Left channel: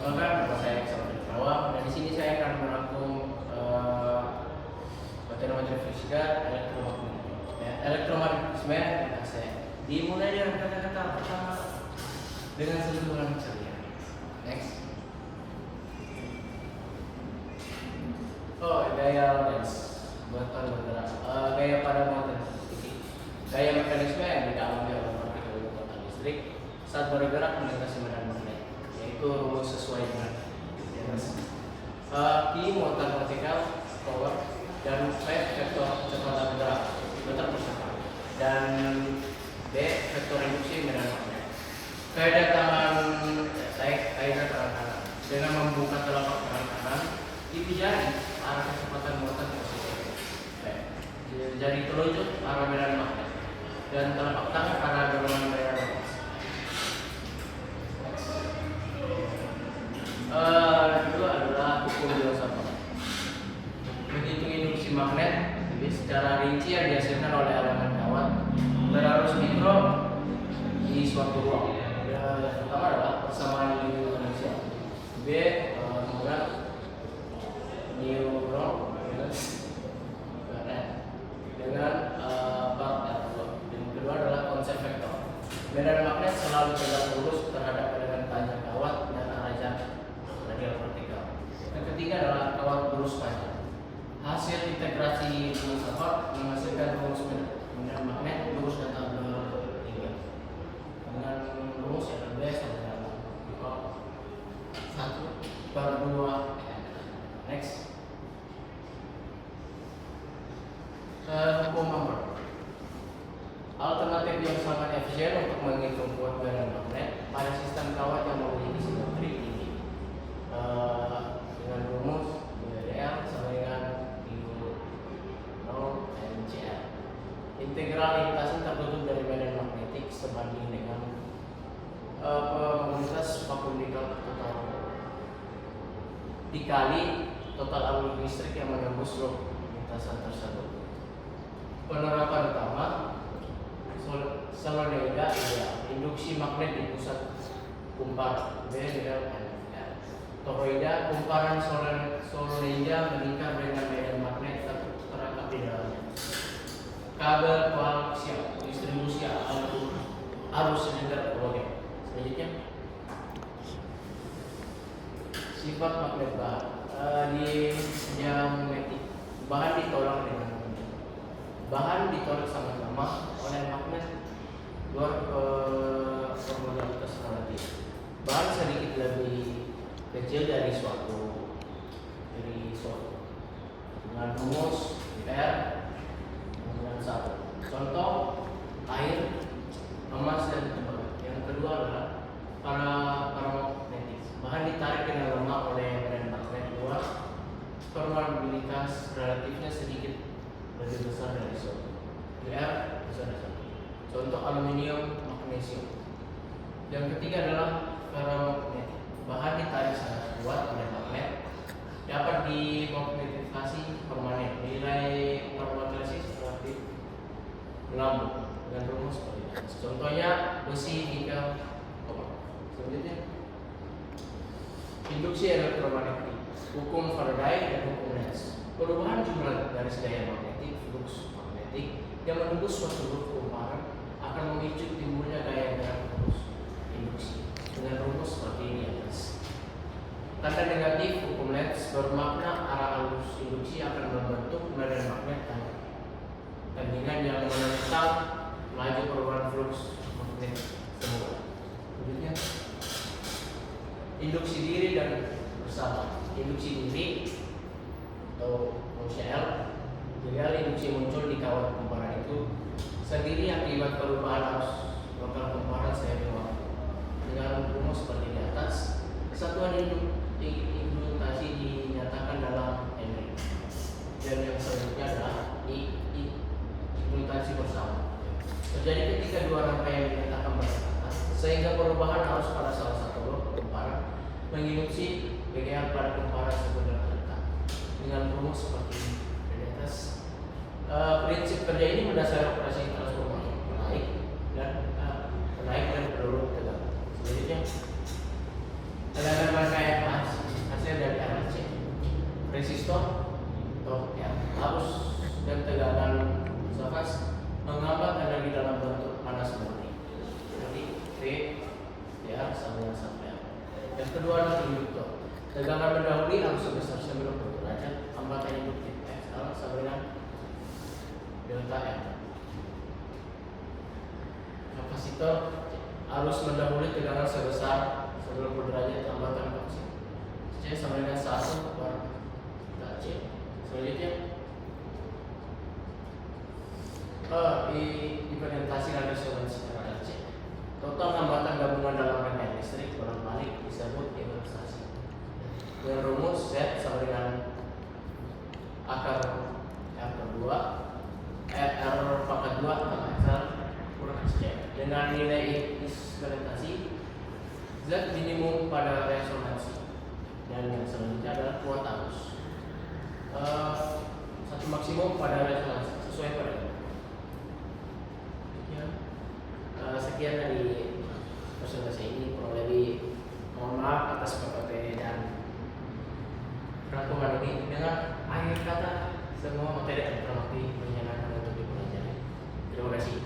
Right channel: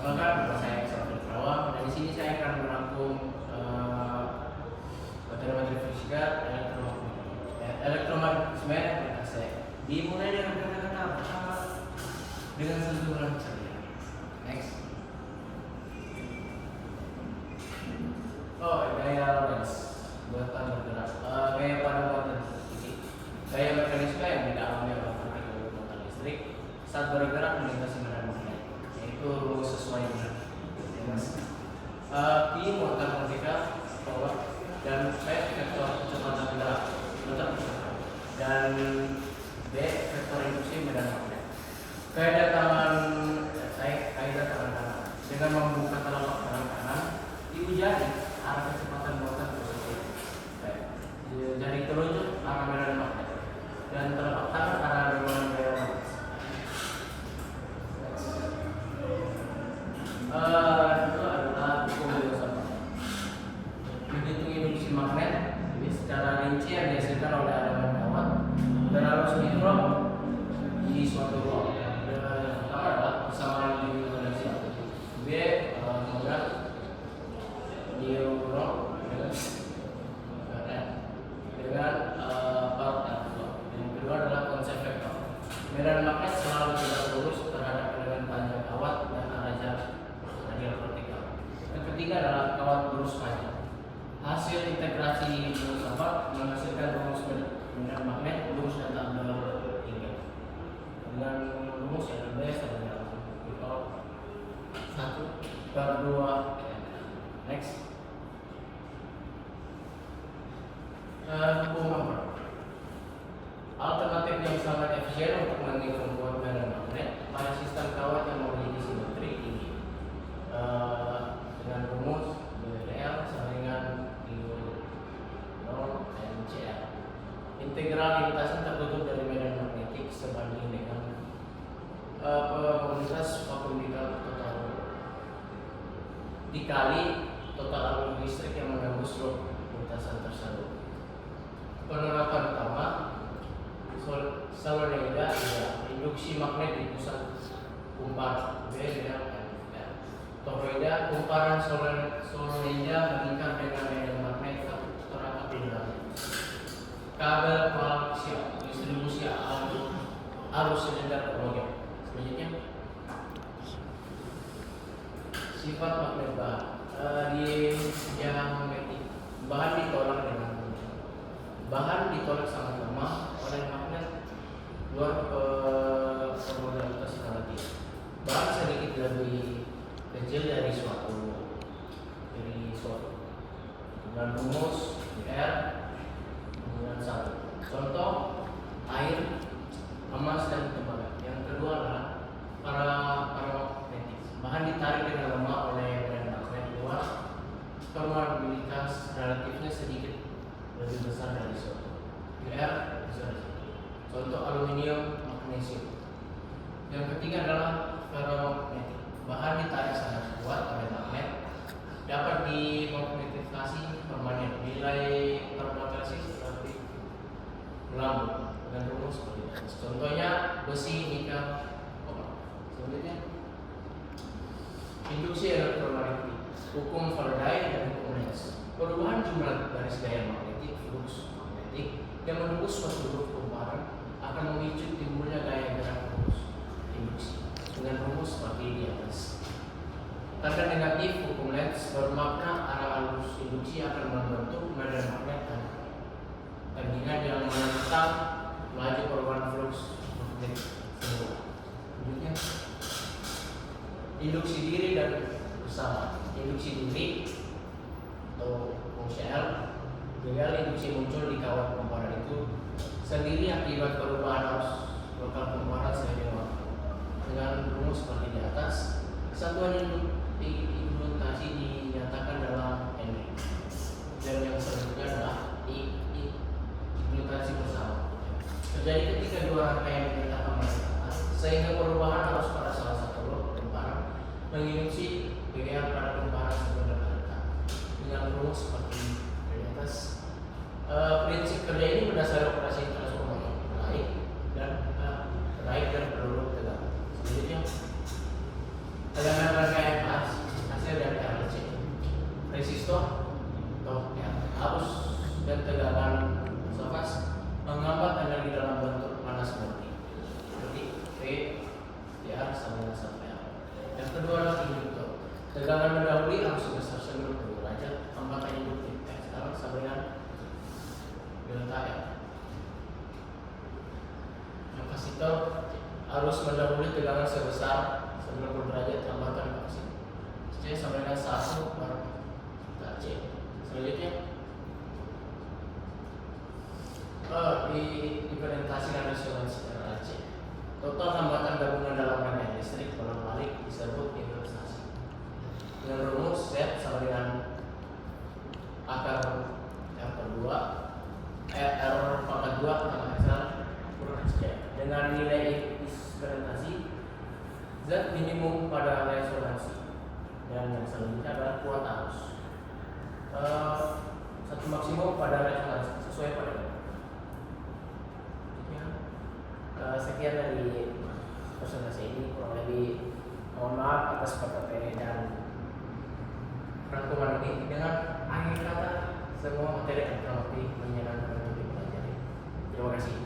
Maka nama saya Alfred Rawang dan di sini saya akan merangkum materi-materi fisika elektromagnetisme dan AC. Dimulai dengan kata-kata pertama dengan sentuhan saja. Next. Oh, gaya lens buatan bergerak. Gaya pada motor titik. Gaya mekanisme yang dialami oleh partikel muatan listrik saat bergerak melintasi medan magnet, yaitu rumus sesuai dengan Q muatan partikel power dan saya vektor kecepatan gerak muter bersama dan B vektor induksi medan magnet. Kaidah tangan kanan dengan membuka telapak tangan kanan itu jari arah kecepatan muatan positif. Jari telunjuk arah medan magnet dan telapak tangan arah dorongan medan magnet. Itu adalah hukum filsafat. Menghitung induksi magnet secara rinci yang dihasilkan oleh elemen kawat berarus mikro di suatu ruang. Yang pertama adalah persamaan potensial B magnet neuron dengan part R2. Yang kedua adalah konsep vektor. Medan magnet selalu tegak lurus terhadap elemen panjang kawat dan arah jarak radial vertikal. Yang ketiga adalah kawat lurus panjang. Hasil integrasi filsafat menghasilkan rumus medan magnet lurus dan tabular tinggal dengan rumus yang B sama dengan 1/2. Next. Hukum Moore. Alternatif yang sangat efisien untuk menghitung kuat medan magnet pada sistem kawat yang memiliki simetri ini dengan rumus BDL sama dengan NCL. Integral lintasan tertutup dari medan magnetik sebanding dengan probabilitas vakum total dikali total arus listrik yang menembus loop lintasan tersebut. Penerapan utama solenoida induksi magnet di pusat kumparan B dengan NL. Toroida kumparan solenoida mengikat dengan medan magnet terangkat di dalamnya. Kabel koaksial distribusi arus silinder halogen. Selanjutnya sifat magnet bahan di diamagnetik bahan ditolak sangat lemah oleh magnet luar formularitas relatif. Bahan sedikit lebih kecil dari suatu dengan rumus R dengan 1. Contoh air, emas dan tembaga. Yang kedua adalah paramagnetik. Bahan ditarik dengan lemah oleh medan magnet luar. Probabilitas relatifnya sedikit lebih besar dari suatu. R besar dari suatu. Contoh aluminium, magnesium. Yang ketiga adalah ferromagnetik. Bahan ditarik sangat kuat oleh magnet, dapat dimagnetisasi permanen. Nilai ferromagnetis relatif melambung dengan rumus seperti ini. Contohnya besi, nikel, koper. Selanjutnya induksi elektromagnetik, hukum Faraday dan hukum Lenz. Perubahan jumlah garis gaya magnetik flux magnetik yang menembus suatu loop kumparan akan memicu timbulnya gaya gerak lurus induksi dengan rumus seperti di atas. Tanda negatif hukum Lenz bermakna arah arus induksi akan membentuk medan magnet tandingan yang menentang laju perubahan flux magnet semula. Berikutnya induksi diri dan bersama. Induksi diri atau fungsi L gagal induksi muncul di kawat kumparan itu sendiri akibat perubahan arus lokal kumparan seiring waktu. Dengan rumus seperti di atas, kesatuan implementasi dinyatakan dalam Henry. Dan yang selanjutnya adalah implementasi bersama. Terjadi ketika dua rangkaian dinyatakan berdekatan, sehingga perubahan arus pada salah satu loop kumparan menginduksi PGR pada kumparan sebenarnya dengan rumus seperti di atas. Prinsip kerja ini berdasarkan operasi transformasi naik dan peluru tegak. Selanjutnya elemen rangkaian Yang kedua adalah induktor. Tegangan mendahului arus sebesar 90 derajat, hambatan induktif X sama dengan delta F. Kapasitor arus mendahului tegangan sebesar 90 derajat, hambatan kapasitor C sama dengan 1 per delta C. Selanjutnya diimplementasikan resonansi tegangan C. Total hambatan gabungan dalam rangkaian listrik dalam balik disebut investasi. Dengan rumus Z sama dengan akar R per 2 R pangkat 2 tambah XR kurang XC. Dengan nilai implementasi Z minimum pada resonansi, dan yang selanjutnya adalah kuat arus satu maksimum pada resonansi sesuai pada sekian dari presentasi ini. Kurang lebih mohon maaf atas PPP dan rangkuman ini. Dengan akhir kata, semua materi akan lebih menyenangkan untuk dipelajari. Terima kasih.